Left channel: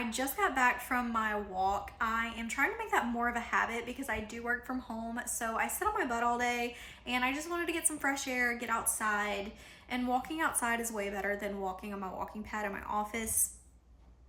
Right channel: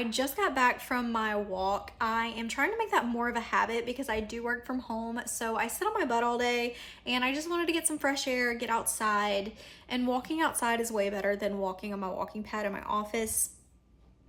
I just got back from my walk. I am trying to make that more of a habit because I do work from home. So I sit on my butt all day and I just wanted to get some fresh air, get outside. And walking outside is way better than walking on my walking pad in my office.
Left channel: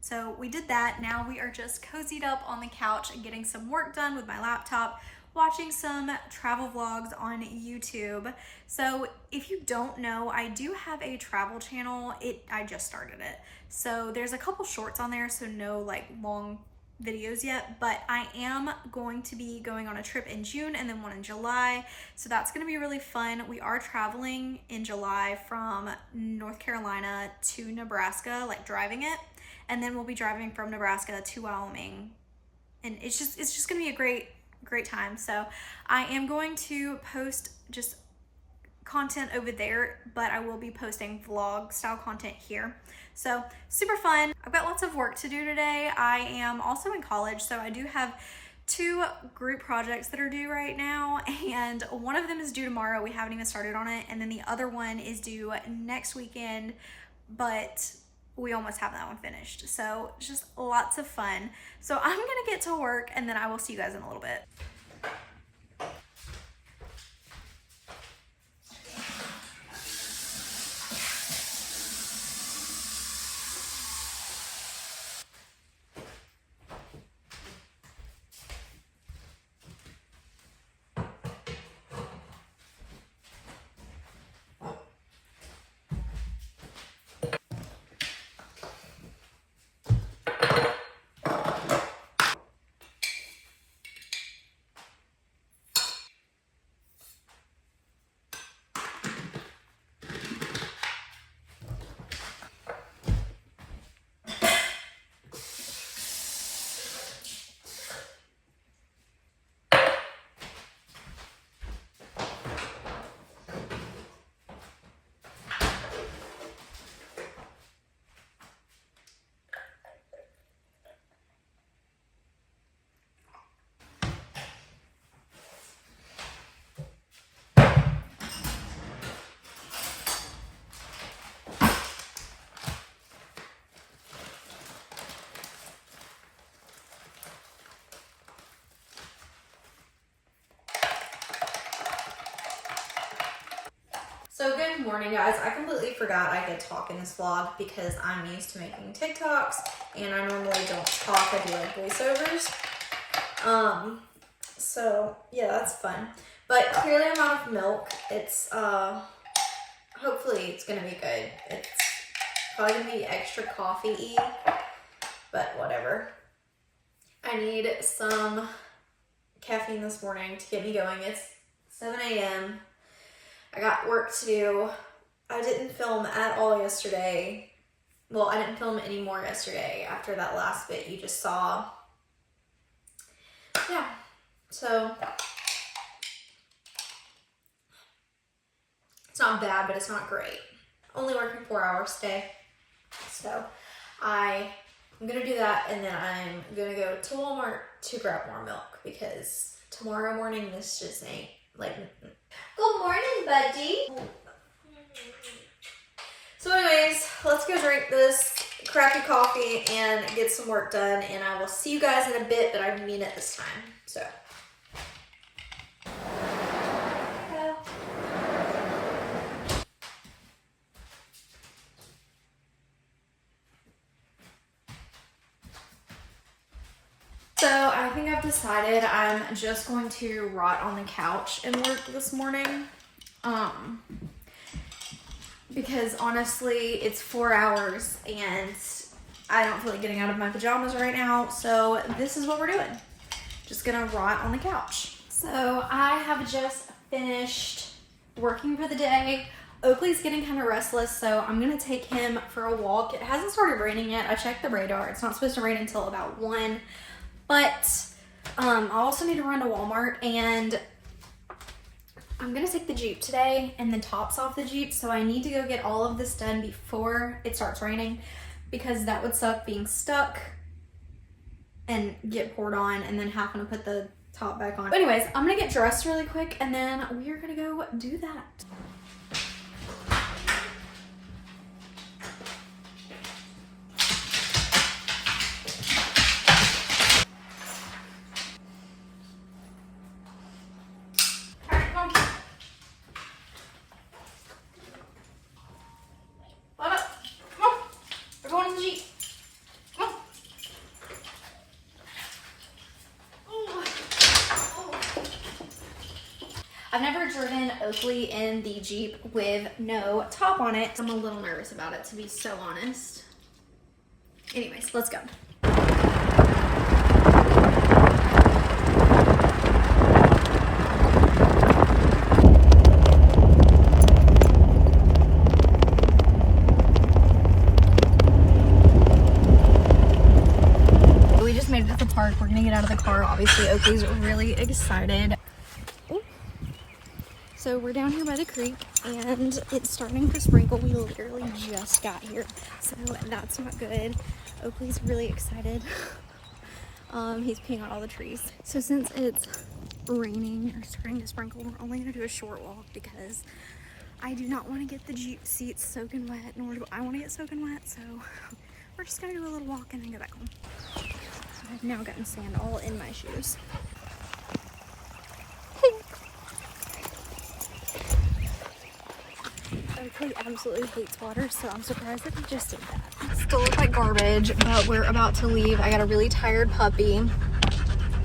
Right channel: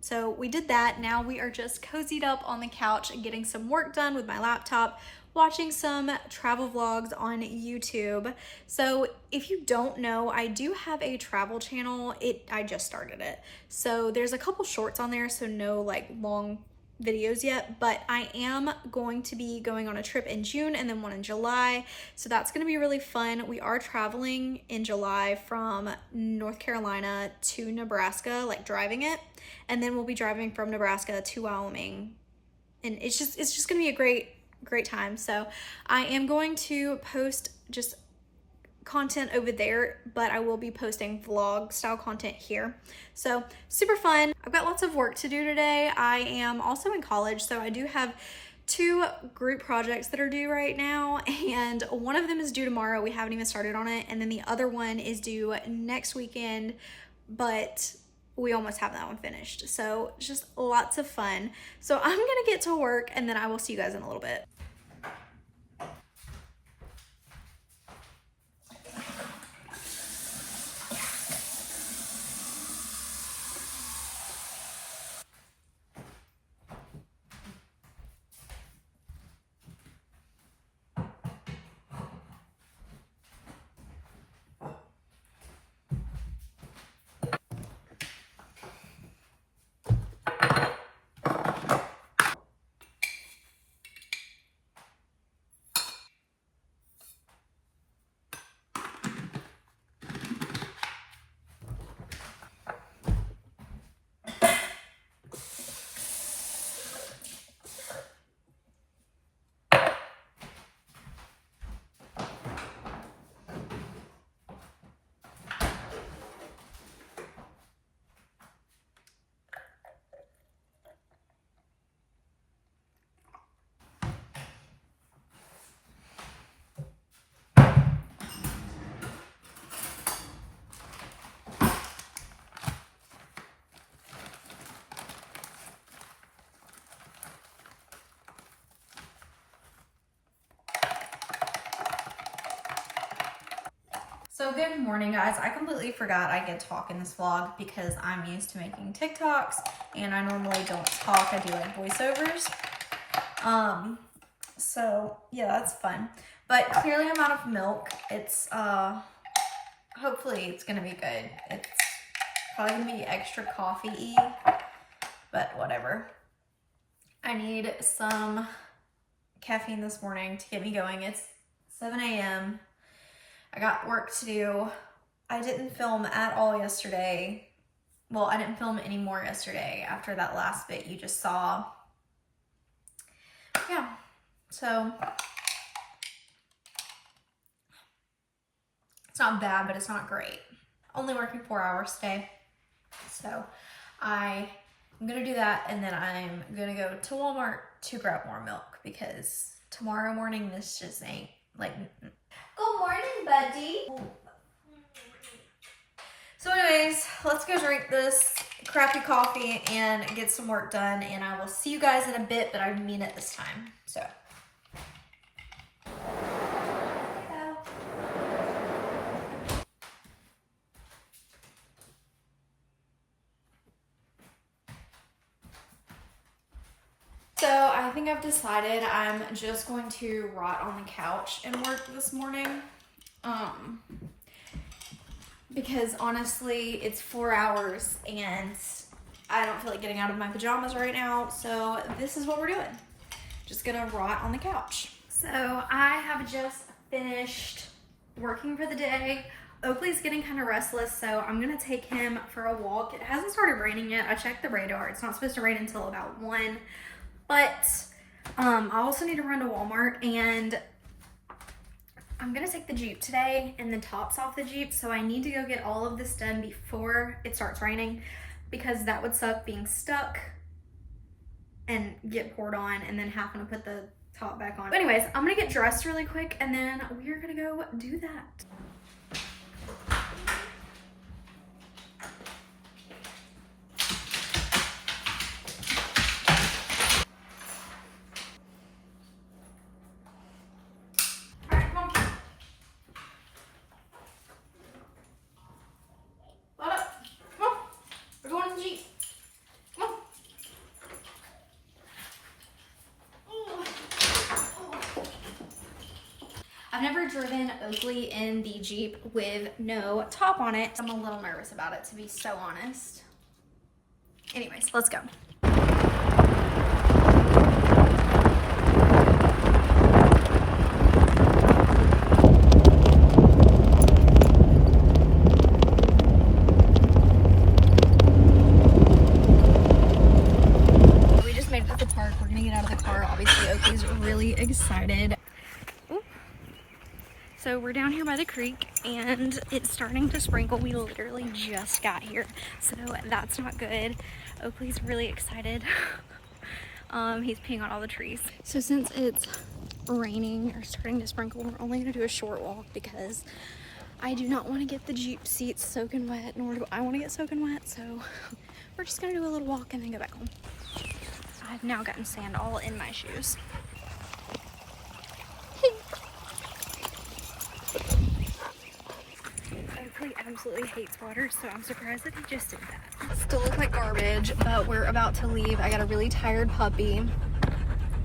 So we did that. Now we are just cozied up on the couch and getting some work done with my laptop, watching some travel vlogs on YouTube. So if you don't know, I do have a travel channel. I just started it. So there's a couple shorts on there, so no like long videos yet, but I am going to be going on a trip in June and then one in July. So that's gonna be really fun. We are traveling in July from North Carolina to Nebraska, like driving it. And then we'll be driving from Nebraska to Wyoming. And it's just gonna be a great time. So I am going to post just content over there, but I will be posting vlog style content here. So super fun. I've got lots of work to do today. I am also in college, so I do have 2 group projects that are due right now, and one of them is due tomorrow. We haven't even started on it, and then the other one is due next weekend, but we almost have that one finished. So just lots of fun. So I'm gonna get to work and then I will see you guys in a little bit. So good morning, guys. I completely forgot I could talk in this vlog because I'm used to making TikToks and I normally don't talk. I do like voiceovers. So yeah, that's fun. But clearly I'm out of milk. It's hopefully it's gonna be good. It's probably gonna be extra coffee-y, but whatever. I need some caffeine this morning to get me going. It's 7 a.m. I got work to do. I didn't film at all yesterday. Well, I didn't film anymore yesterday after that last bit you just saw. Yeah, so it's not bad, but it's not great. Only working 4 hours today. So I'm gonna do that and then I'm gonna go to Walmart to grab more milk because tomorrow morning this just ain't like... Good morning, buddy. So anyways, let's go drink this crappy coffee and get some work done, and I will see you guys in a bit, but I mean it this time. So. So I think I've decided I'm just going to rot on the couch and work this morning. Because honestly, it's 4 hours and I don't feel like getting out of my pajamas right now. So this is what we're doing. Just gonna rot on the couch. So I have just finished working for the day. Oakley's getting kind of restless, so I'm gonna take him for a walk. It hasn't started raining yet. I checked the radar. It's not supposed to rain until about 1. But I also need to run to Walmart, and I'm gonna take the Jeep today and the tops off the Jeep, so I need to go get all of this done before it starts raining because that would suck being stuck and get poured on and then having to put the top back on. But anyways, I'm gonna get dressed really quick and then we are gonna go do that. driven Oakley in the Jeep with no top on it. I'm a little nervous about it, to be so honest. Anyways, let's go. We just made it to the park. We're gonna get out of the car. Obviously, Oakley's really excited. Ooh. So we're down here by the creek and it's starting to sprinkle. We literally just got here, so that's not good. Oakley's really excited. He's peeing on all the trees. So since it's raining or starting to sprinkle, we're only gonna do a short walk because I do not want to get the Jeep seats soaking wet, nor do I want to get soaking wet. So we're just gonna do a little walk and then go back home. I've now gotten sand all in my shoes. Oakley absolutely hates water, so I'm surprised that he just did that. Still look like garbage, but we're about to leave. I got a really tired puppy,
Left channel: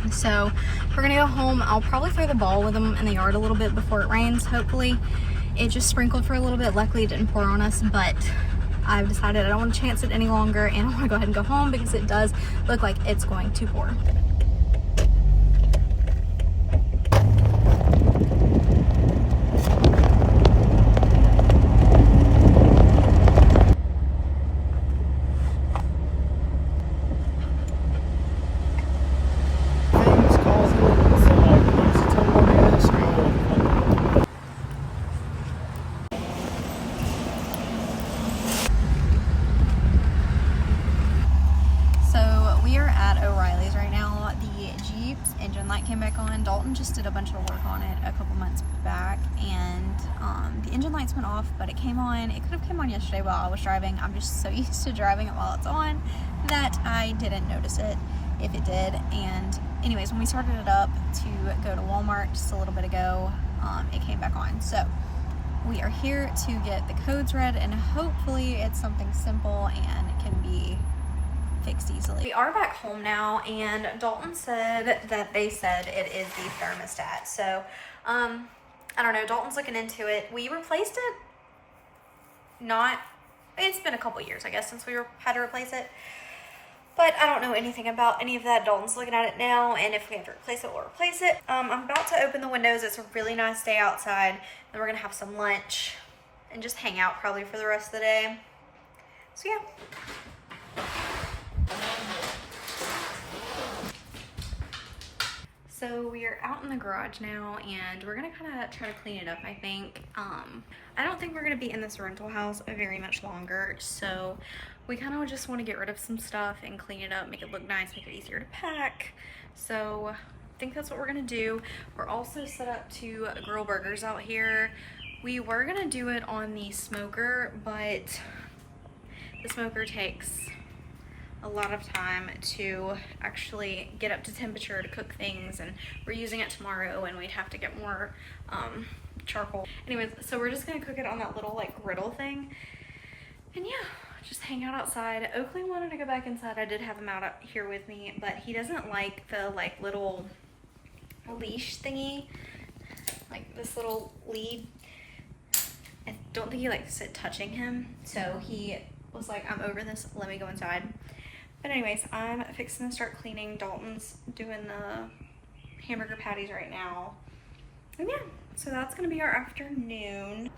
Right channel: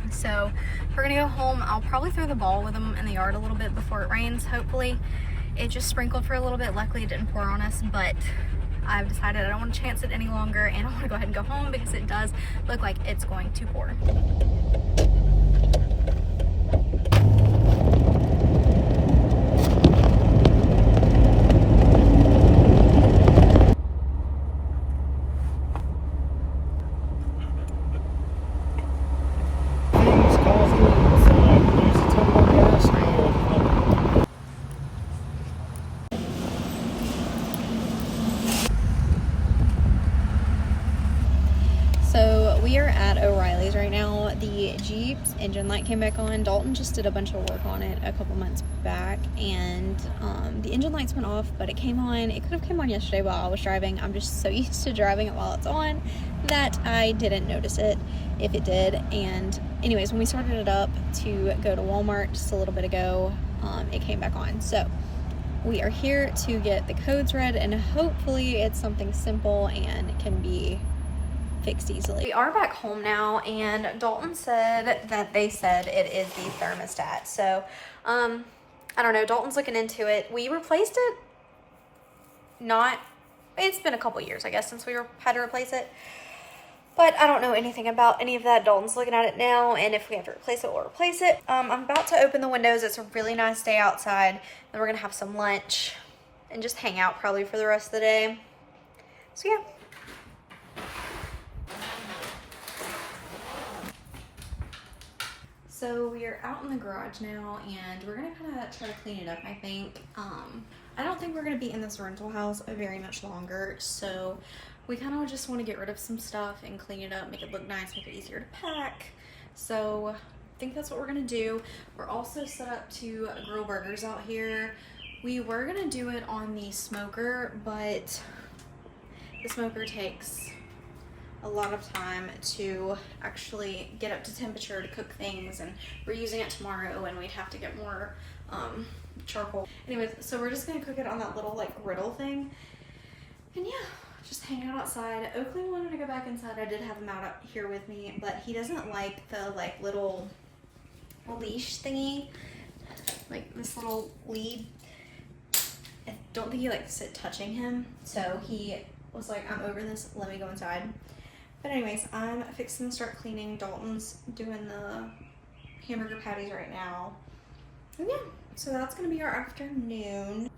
so we're gonna go home. I'll probably throw the ball with him in the yard a little bit before it rains, hopefully. It just sprinkled for a little bit. Luckily it didn't pour on us, but I've decided I don't want to chance it any longer and I want to go ahead and go home because it does look like it's going to pour. So we are at O'Reilly's right now. The Jeep's engine light came back on. Dalton just did a bunch of work on it a couple months back, and the engine lights went off, but it came on. It could have come on yesterday while I was driving. I'm just so used to driving it while it's on that I didn't notice it if it did. And anyways, when we started it up to go to Walmart just a little bit ago, it came back on. So we are here to get the codes read, and hopefully it's something simple and can be fixed easily. We are back home now, and Dalton said that they said it is the thermostat. So I don't know, Dalton's looking into it. We replaced it, it's been a couple years I guess since we had to replace it, but I don't know anything about any of that. Dalton's looking at it now, and if we have to replace it, we'll replace it. I'm about to open the windows. It's a really nice day outside, and we're gonna have some lunch and just hang out probably for the rest of the day. So yeah. So we are out in the garage now, and we're gonna kind of try to clean it up, I think. I don't think we're gonna be in this rental house very much longer, so we kind of just want to get rid of some stuff and clean it up, make it look nice, make it easier to pack. So I think that's what we're gonna do. We're also set up to grill burgers out here. We were gonna do it on the smoker, but the smoker takes a lot of time to actually get up to temperature to cook things, and we're using it tomorrow and we'd have to get more charcoal. Anyways, so we're just gonna cook it on that little like griddle thing, and yeah, just hang out outside. Oakley wanted to go back inside. I did have him out here with me, but he doesn't like the like little leash thingy, like this little lead. I don't think he likes it touching him, so he was like, I'm over this, let me go inside. But anyways, I'm fixing to start cleaning. Dalton's doing the hamburger patties right now. And yeah, so that's gonna be our afternoon.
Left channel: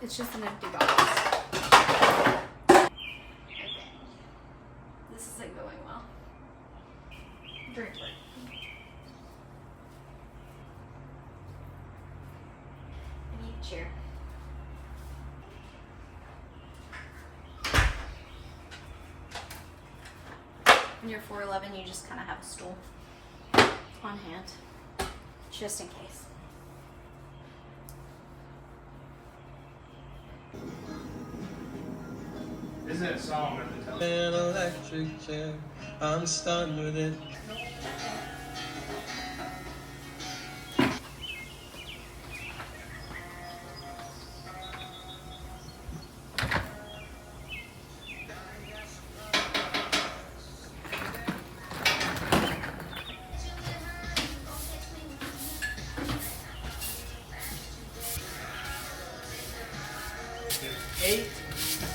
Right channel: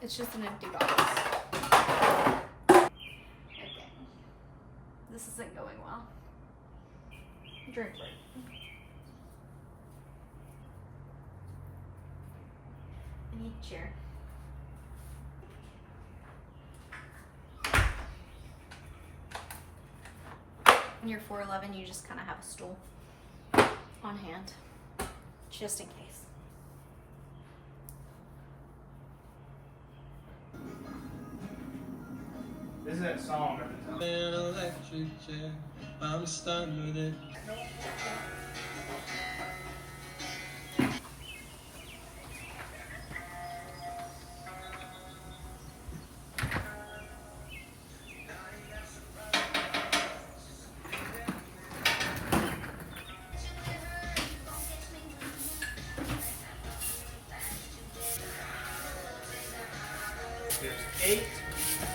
It's just an empty box. This isn't going well. Drink work. I need a chair. When you're 4'11", you just kind of have a stool on hand, just in case. Isn't that song at the time? An electric chair, I'm stunned with it. There's 8.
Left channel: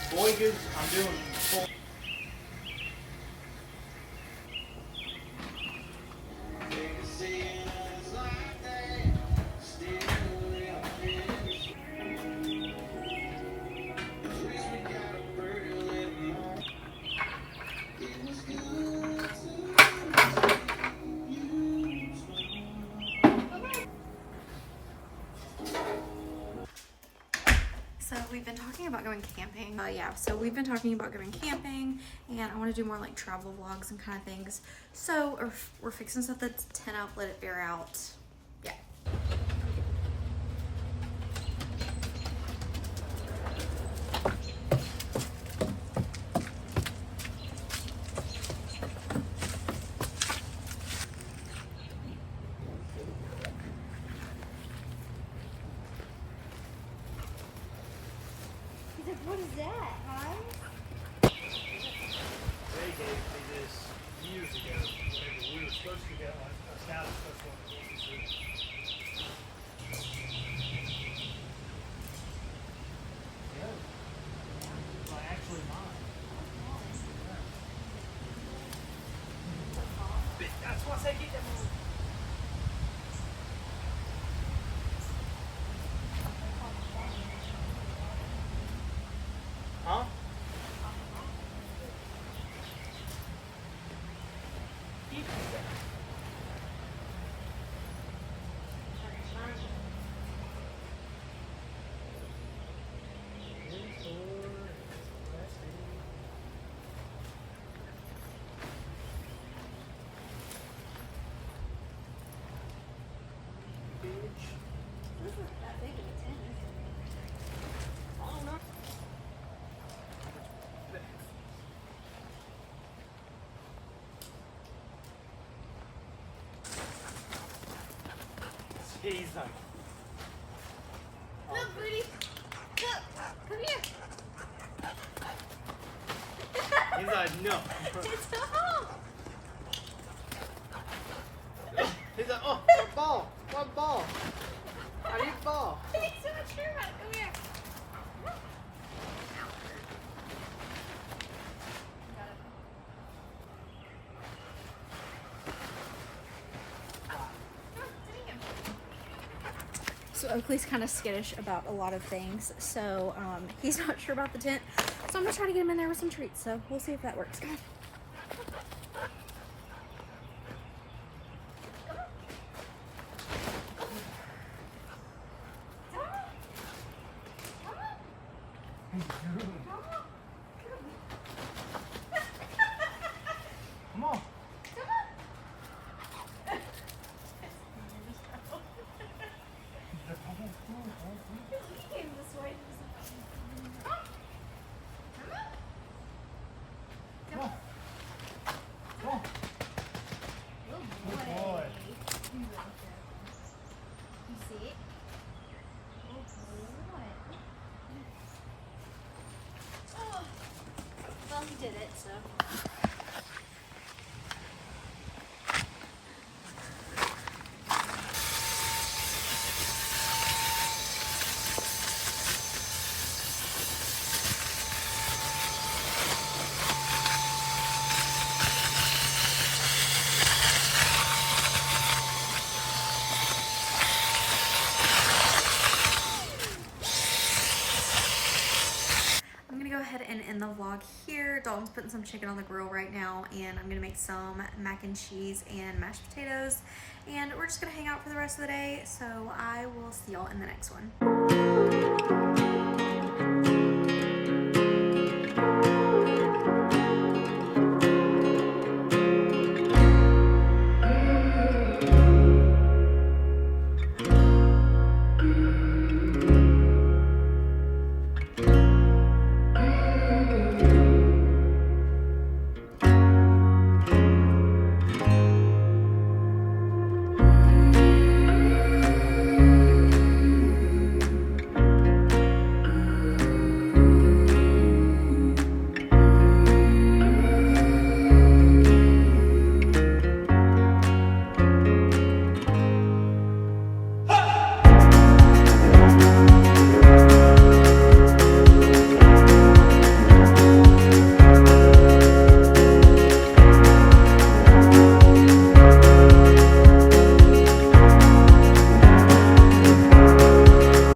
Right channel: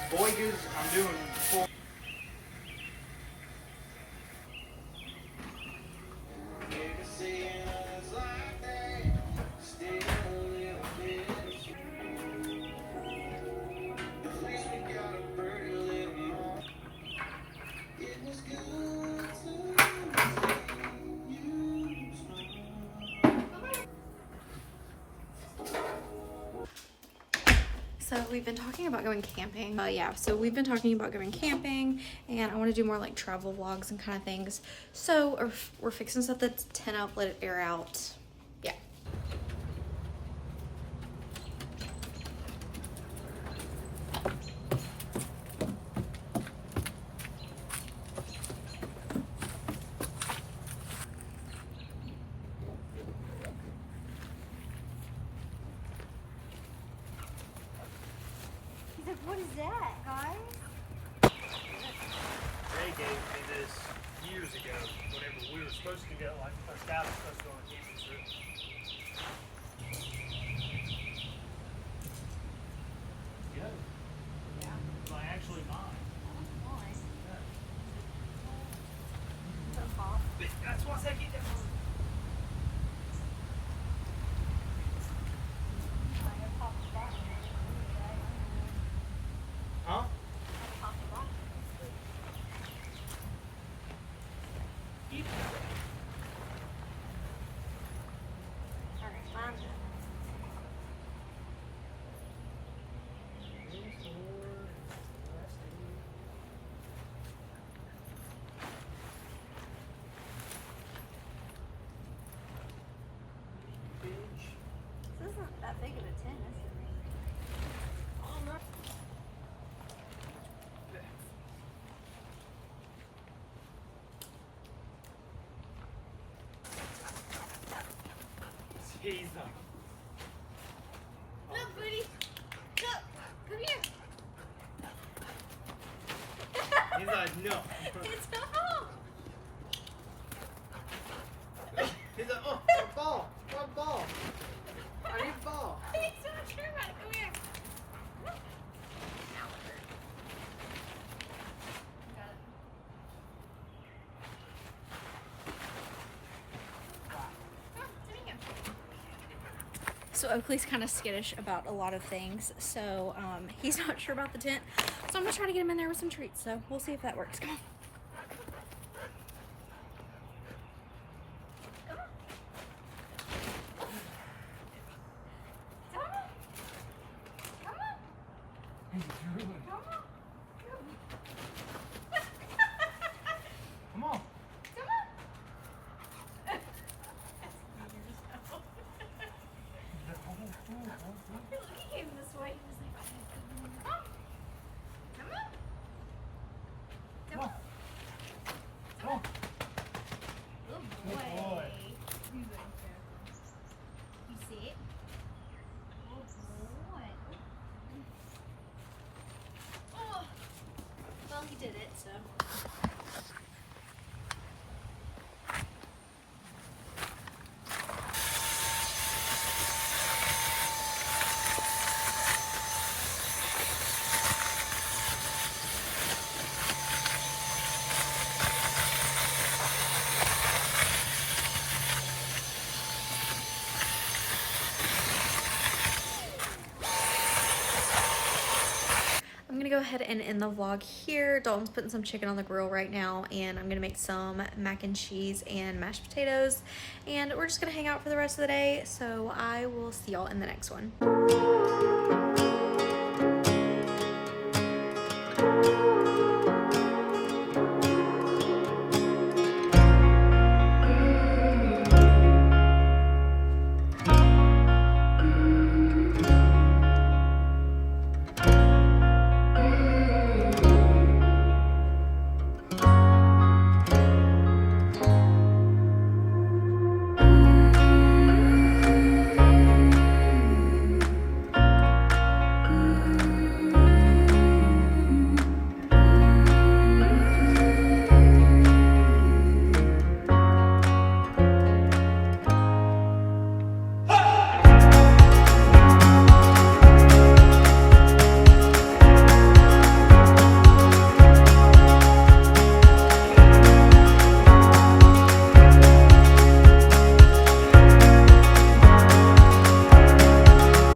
Boy, I'm doing 4. So we've been talking about going camping. So we've been talking about going camping, and I want to do more like travel vlogs and kind of things. So we're fixing stuff that's 10 up, let it air out. Yeah. He's like, what is that, guys? They gave me this years ago. Whenever we were supposed to get like a staff special on the Yeah. Yeah. Like actually mine. Yeah. That's what I get them. Huh? This isn't that big of a tent, is it? I don't know. Jesus. Look, Booty. Look. Come here. He's like, no. It's a home. He's like, oh, one ball. One ball. I need ball. He's so sure about it. Come here. Got it. So Oakley's kind of skittish about a lot of things, so he's not sure about the tent. So I'm gonna try to get him in there with some treats. So we'll see if that works. Come on. Come on. He came this way. Come on. Come on. Come on. Good Good boy. You see it? Oh boy. Oh. Well, he did it, so. I'm gonna go ahead and end the vlog here. Dalton's putting some chicken on the grill right now, and I'm gonna make some mac and cheese and mashed potatoes, and we're just gonna hang out for the rest of the day. So I will see y'all in the next one.